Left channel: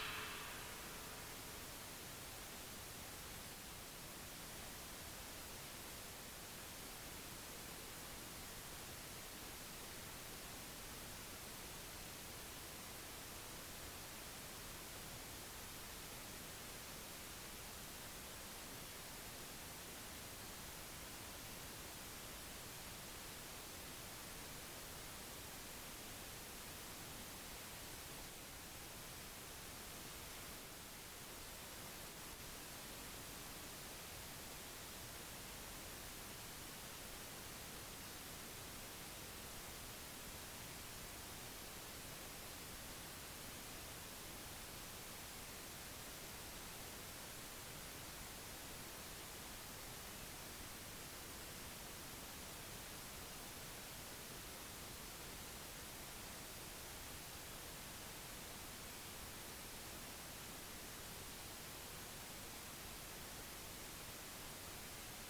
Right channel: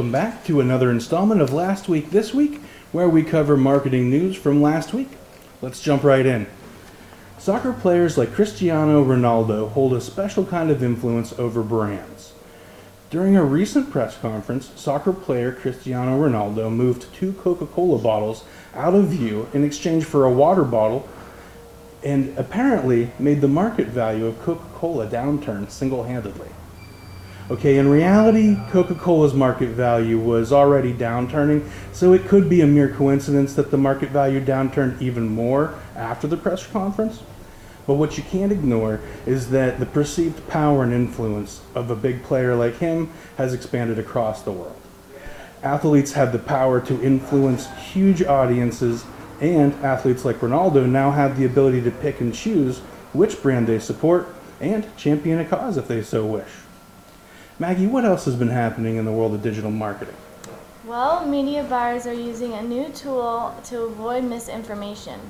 welcome back to another installment of Last Week This Week, where we cover marketing news from last week. Let's jump right in. Soccer players like Cristiano Ronaldo hold a special kind of influence over brands. During a recent press conference, soccer player Cristiano Ronaldo moved 2 Coca-Cola bottles out of view in exchange for a water bottle and apparently made the market value of Coca-Cola downturn single-handedly. Okay, in reality, Coca-Cola's market value was already downturning, so it could be a mere coincidence that the market value downturned even more after the press conference. But what you can't ignore is that the perceived power and influence of a big player like him has expanded across the world. Athletes have the power to influence huge audiences, and athletes like Ronaldo now have the ability to pick and choose which brand they support and champion a cause if they so wish. Maggie, what else has been happening in the world of digital marketing? Well, media buyers are using a new tool to avoid misinformation.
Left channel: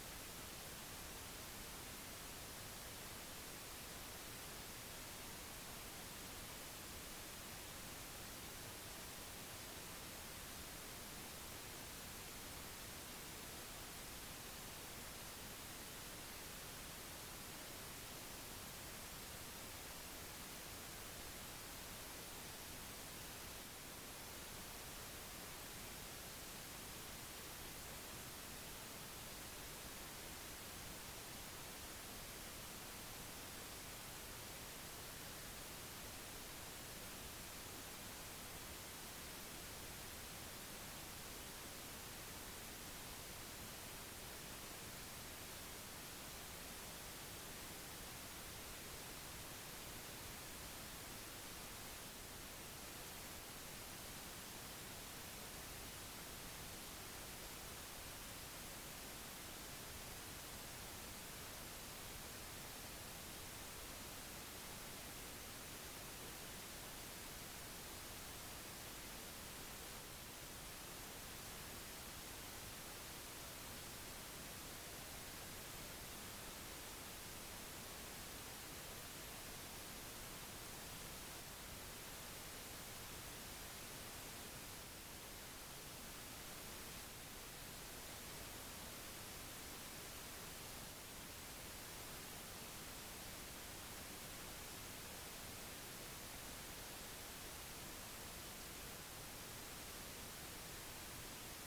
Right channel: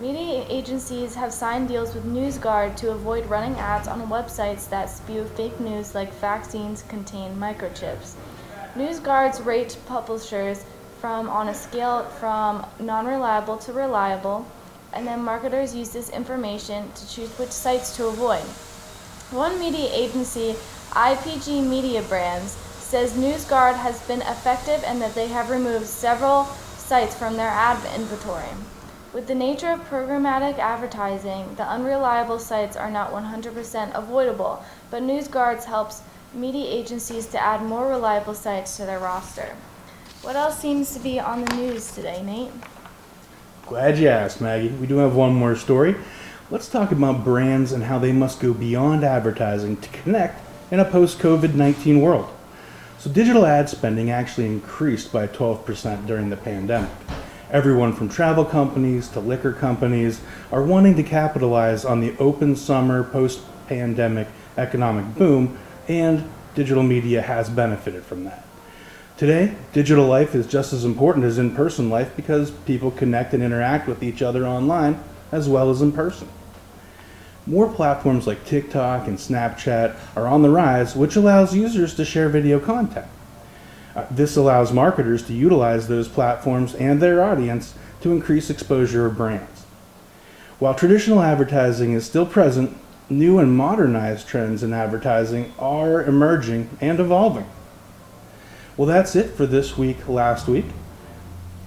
Media agencies have signed deals with NewsGuard to avoid running ads on websites that spew fake news like vaccines contain microchips. NewsGuards rate publishers on a scale from non-reliable to reliable, and then marketers use this information to choose which sites to avoid. One media agency, IPG Media Brands, says NewsGuard has been effective and that they have removed several sites from their ad inventory. With the nature of programmatic advertising, the unreliable sites are not 100% avoidable, but NewsGuard helps media agencies to add more reliable sites to their roster. What else seems to be on the news today, Nate? Glad you asked, Maggie. We do have one more story. Let's talk about brands and how they must go beyond advertising to connect in a post-COVID-19 world. So digital ad spending actually increased by 12% during the pandemic. Everyone from travel companies to liquor companies are wanting to capitalize on the open summer post-pandemic economic boom, and digital media has benefited from that. Today, digital life is just as important as in-person life because people connect and interact with each other online as well as in person. More platforms like TikTok and Snapchat are on the rise, which allows users to share video content. This allows marketers to utilize those platforms and their audience to increase exposure of brands. While traditional advertising is still present, new and modernized trends in advertising are emerging and evolving. Well, that's it for this week, last week.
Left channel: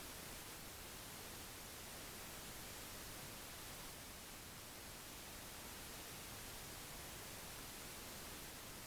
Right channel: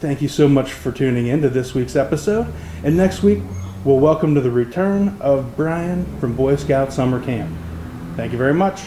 Thank you so much for tuning in to this week's episode. And next week, we'll welcome to the return of Brian from Boy Scout Summer Camp. Thank you very much.